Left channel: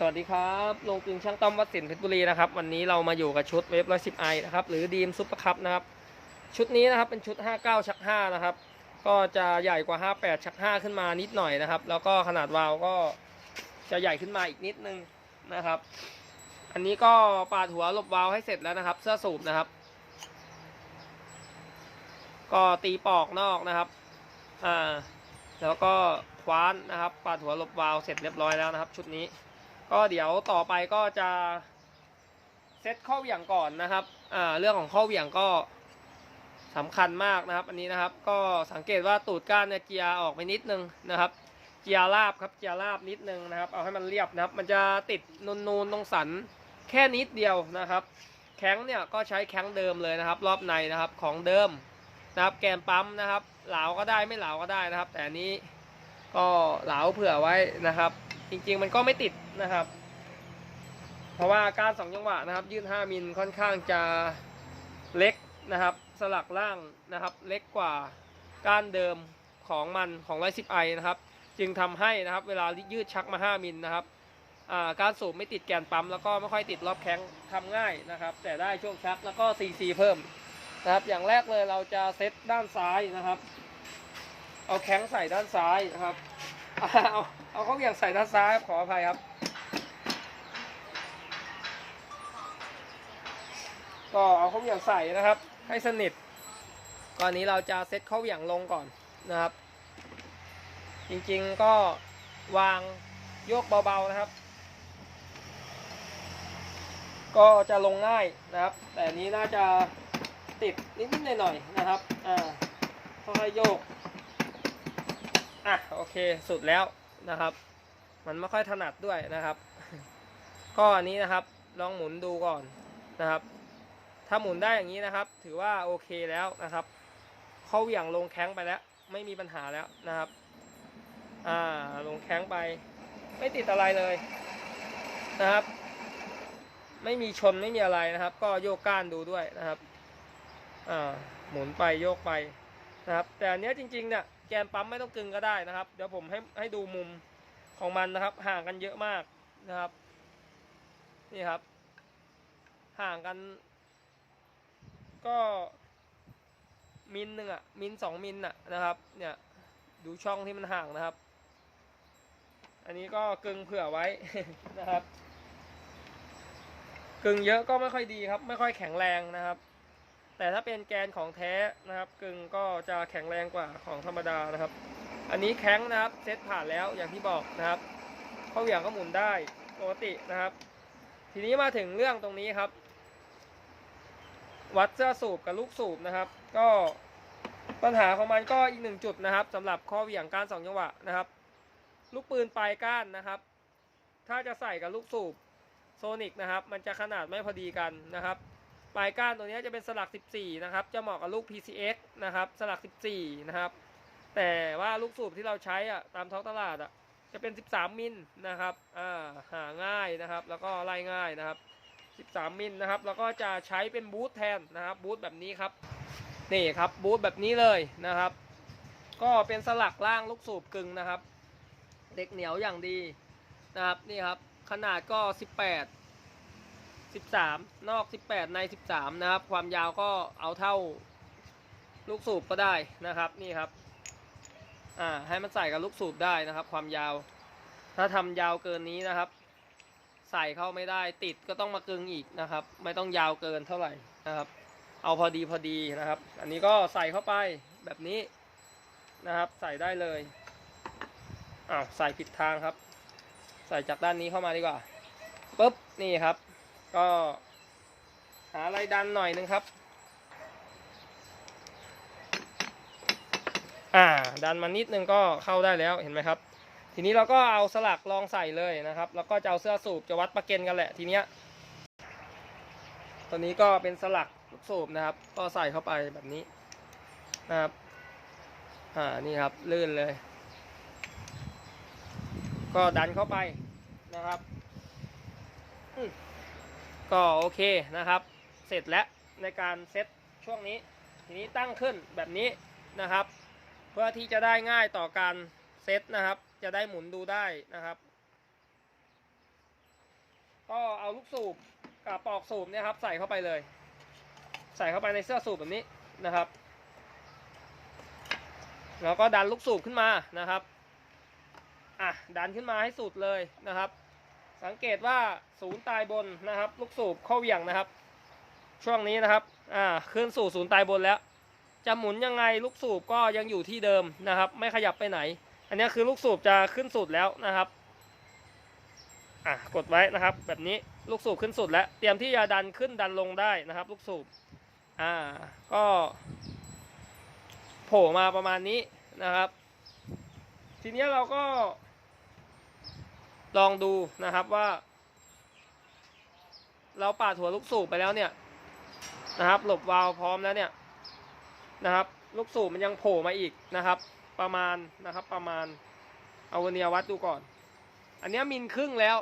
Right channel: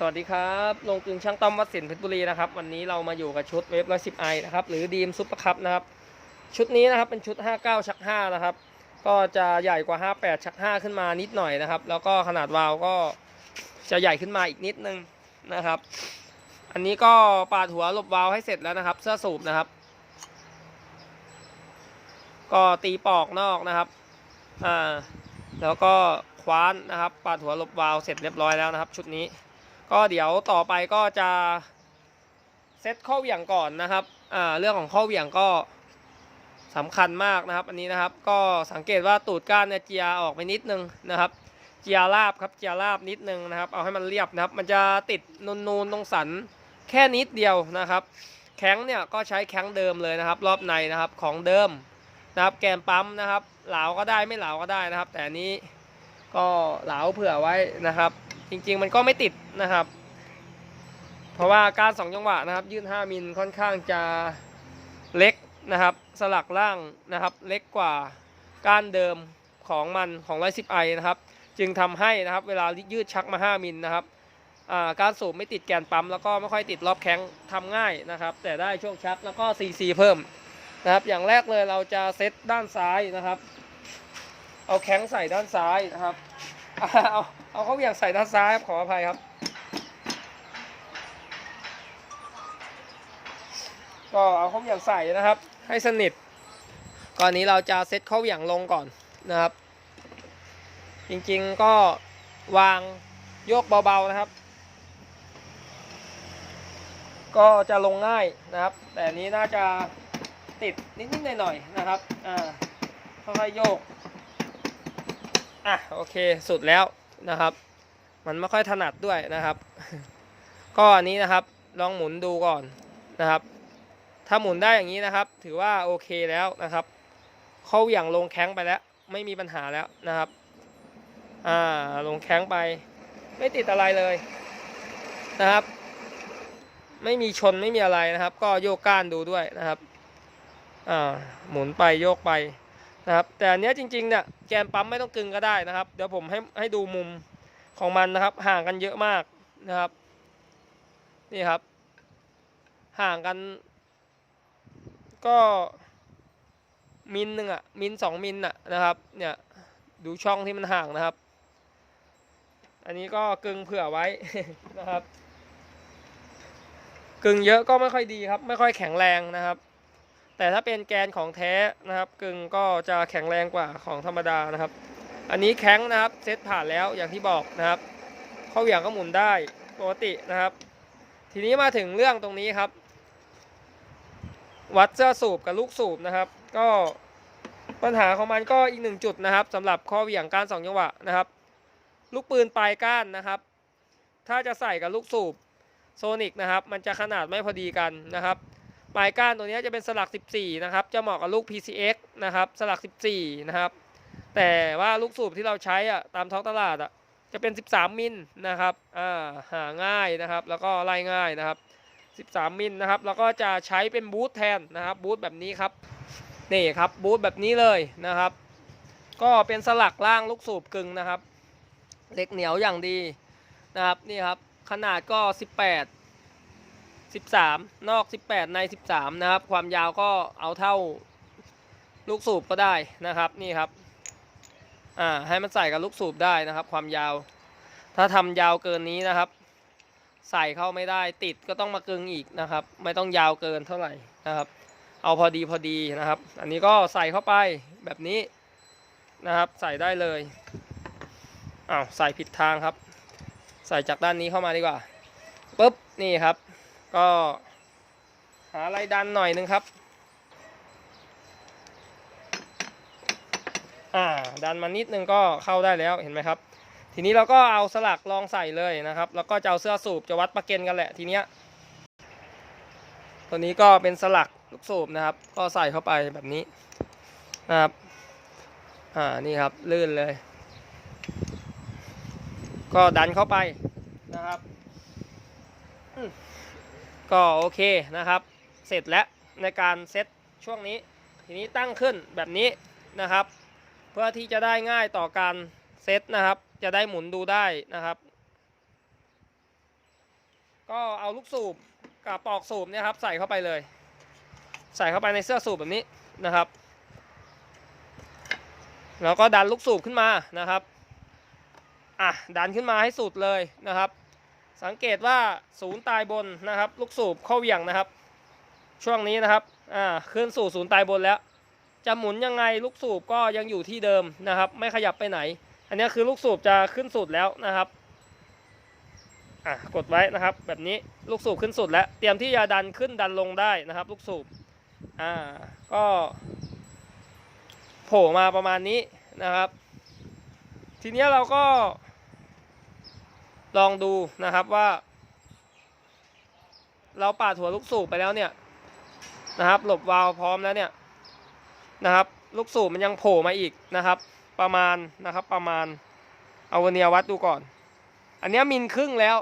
สวัสดีครับลงกึงช่างต้อมวัดสินเพชรบุรีนะครับ วันนี้เรามาอยู่กับชุดเวฟร้อยสิบไอนะครับ หรือดีมซุปเปอร์คัพนะครับ ชุดนี้นะครับเป็นชุด 59 ชัก 5 นะครับ ก็จะใหญ่กว่า 58 ชัก 5 ขึ้นมานิดหน่อยนะครับ แล้วก็ขนาดวาล์วก็จะใหญ่ขึ้นมาอีกนิดนึงนะครับ อันนี้ก็ปาดหัวหลบวาล์วให้เสร็จแล้วนะครับ เสื้อสูบนะครับ ก็ตีปอกนอกนะครับอ่าแล้วก็คว้านนะครับ ปาดหัวหลบวาล์วเสร็จเรียบร้อยแล้วนะครับ ชุดนี้ ก็เดี๋ยวต่อไปก็จะเซตข้อเหวี่ยงก่อนนะครับอ่าเรื่องของข้อเหวี่ยงก็สำคัญมากนะครับ อันนี้นะครับก็สังเกตว่าตูดก้านเนี่ยเจียออกไปนิดนึงนะครับ เจียราบครับเจียราบนิดนึงนะครับ เอาให้มันเรียบนะครับ มันจะติดนูนๆตรงสันแค่นิดเดียวนะครับ แข้งเนี่ยก็ใช้แข้งเดิมเลยนะครับ รอบในนะครับของเดิมนะครับ แกนปั๊มนะครับ เหลาก็ได้ไม่เหลาก็ได้นะครับ แต่นี้ก็เหลาเผื่อไว้นะครับ จริงๆมันก็ไม่ติดนะครับ เพราะว่าการสองจังหวะนะครับ ยื่น5มิลค่อนข้างจะเล็กนะครับ สลักล่างนะครับ เล็กกว่าก้านเดิมของมันของ110ไอนะครับ จึงทำให้นะครับ เวลายืดชักมา 5มิลนะครับการสูบไม่ติดแกนปั๊มแล้วก็ไม่ค่อยติดรอบแข้งทำง่ายนะครับ แต่ได้ช่วงชักแล้วก็ CC เพิ่มนะครับ อย่างแรกเลยเราจะเซตด้านซ้ายนะครับ เอาแข้งใส่ด้านซ้ายนะครับเอา เอาเขาเหวี่ยงใส่ด้านซ้ายครับขออภัยครับ ก็เอาเขาเหวี่ยงใส่นะครับ ให้สนิท ก่อนนี้เราจะเซตเขาเหวี่ยงลงก่อนนะครับ จริงๆก็วางโยกเบาๆนะครับ ก็จะลงง่ายนะครับ แต่นี้น่าจะติดนิดๆหน่อยๆนะครับ อ่าค่อยๆโยก อะ โอเค สุดแล้ว นะครับ มันไม่ค่อยถนัดด้วยนะครับ ก็อันนี้นะครับลองหมุนดูก่อนนะครับ ถ้าหมุนได้อย่างนี้นะครับ ถือว่าโอเคแล้วนะครับ เขาเหวี่ยงลงแข้งไปแล้ว ไม่มีปัญหาแล้วนะครับอ่าลงแข้งไป ไม่ติดอะไรเลยนะครับ ไม่มีชนไม่มีอะไรนะครับ ก็โยกก้านดูด้วยนะครับอ่าหมุนไปโยกไป นะครับแต่อันเนี้ยจริงๆเนี่ยแกนปั๊มไม่ต้องกึงก็ได้นะครับ เดี๋ยวผมให้ให้ดูมุมของมันนะครับ ห่างกันเยอะมากนะครับ นี่ครับ ห่างกัน ก็มิลหนึ่งอะมิลสองมิลอะนะครับ เนี่ยดูช่องที่มันห่างนะครับ อันนี้ก็กึงเผื่อไว้นะครับ กึงเยอะก็ไม่ค่อยดีครับ ไม่ค่อยแข็งแรงนะครับ แต่ถ้าเป็นแกนของแท้นะครับกึ่งก็จะแข็งแรงกว่าของธรรมดานะครับ อันนี้แข็งนะครับเซตผ่านแล้วอย่างที่บอกนะครับเข้าเหวี่ยงก็หมุนได้ปกตินะครับ ทีนี้มาถึงเรื่องตรงนี้ครับ วัดเสื้อสูบกับลูกสูบนะครับ ก็ปัญหาของมันก็อีกหนึ่งจุดนะครับสำหรับข้อเหวี่ยงก้านสองจังหวะนะครับ ลูกปืนปลายก้านนะครับ ถ้าจะใส่กับลูกสูบโซนิกนะครับ มันจะขนาดไม่พอดีกันนะครับ ลายก้านตัวนี้จะเป็นสลัก 14 นะครับ จะเหมาะกับลูก PCX นะครับ สลัก 14 นะครับ แต่ว่าลูกสูบที่เราใช้อะตามท้องตลาดอะจะเป็น 13 มิลนะครับ อ่า หาง่ายนะครับ แล้วก็ไล่ง่ายนะครับ 13 มิลนะครับ แล้วก็จะใช้เป็นบูทแทนนะครับ บูทแบบนี้ครับ นี่ครับ บูทแบบนี้เลยนะครับ ก็เป็นสลักล่างลูกสูบกึ่งนะครับ เหล็กเหนียวอย่างดีนะครับ นี่ครับ ขนาดก็ 18 13 นอก 18 ใน 13 นะครับ ความยาวก็เอาเท่าลูกสูบก็ได้นะครับนี่ครับอ่าให้มันใส่กับลูกสูบได้นะครับ ความยาว ถ้าทำยาวเกินนี้นะครับ ใส่เข้าไม่ได้ติดก็ต้องมากึงอีกนะครับ ไม่ต้องยาวเกินเท่าไหร่นะครับ เอาพอดีพอดีนะครับ อันนี้ก็ใส่เข้าไปแบบนี้นะครับ ใส่ได้เลยอ้าวใส่ผิดทางครับ ใส่จากด้านนี้เข้ามาดีกว่าปุ๊บนี่ครับ ก็หาอะไรดันหน่อยนึงครับ อ่า ดันมานิดนึงก็เข้าได้แล้วเห็นไหมครับ ทีนี้เราก็เอาสลักลองใส่เลยนะครับ แล้วก็จะเอาเสื้อสูบจะวัดประเก็นกันแหละทีเนี้ย ตัวนี้ก็เป็นสลักลูกสูบนะครับ ก็ใส่เข้าไปแบบนี้นะครับ อ่า นี่ครับลื่นเลย ก็ดันเข้าไปนะครับอื ก็โอเคนะครับ เสร็จแล้วในการเซตช่วงนี้ ทีนี้ตั้งขึ้นแบบนี้นะครับ เพื่อที่จะได้ง่ายต่อการเซตนะครับ จะได้หมุนดูได้นะครับ ก็เอาลูกสูบกับปลอกสูบเนี่ยครับใส่เข้าไปเลย ใส่เข้าไปในเสื้อสูบแบบนี้นะครับ แล้วก็ดันลูกสูบขึ้นมานะครับอะดันขึ้นมาให้สุดเลยนะครับ สังเกตว่าศูนย์ตายบนนะครับ ลูกสูบเข้าเหวี่ยงนะครับ ช่วงนี้นะครับอ่าขึ้นสู่ศูนย์ตายบนแล้ว จะหมุนยังไงลูกสูบก็ยังอยู่ที่เดิมนะครับ ไม่ขยับไปไหน อันนี้คือลูกสูบจะขึ้นสุดแล้วนะครับอะกดไว้นะครับ แบบนี้ลูกสูบขึ้นสุดแล้ว เตรียมที่จะดันขึ้นดันลงได้นะครับ ลูกสูบอ่าก็โผล่มาประมาณนี้นะครับ ทีนี้เราก็ ลองดูนะครับว่า เราปาดหัวลูกสูบไปแล้วเนี่ยนะครับ หลบวาล์วพร้อมแล้วเนี่ยนะครับ ลูกสูบมันยังโผล่มาอีกนะครับ ประมาณนะครับประมาณเอาเวเนียวัดดูก่อน อันนี้มิลครึ่งแล้ว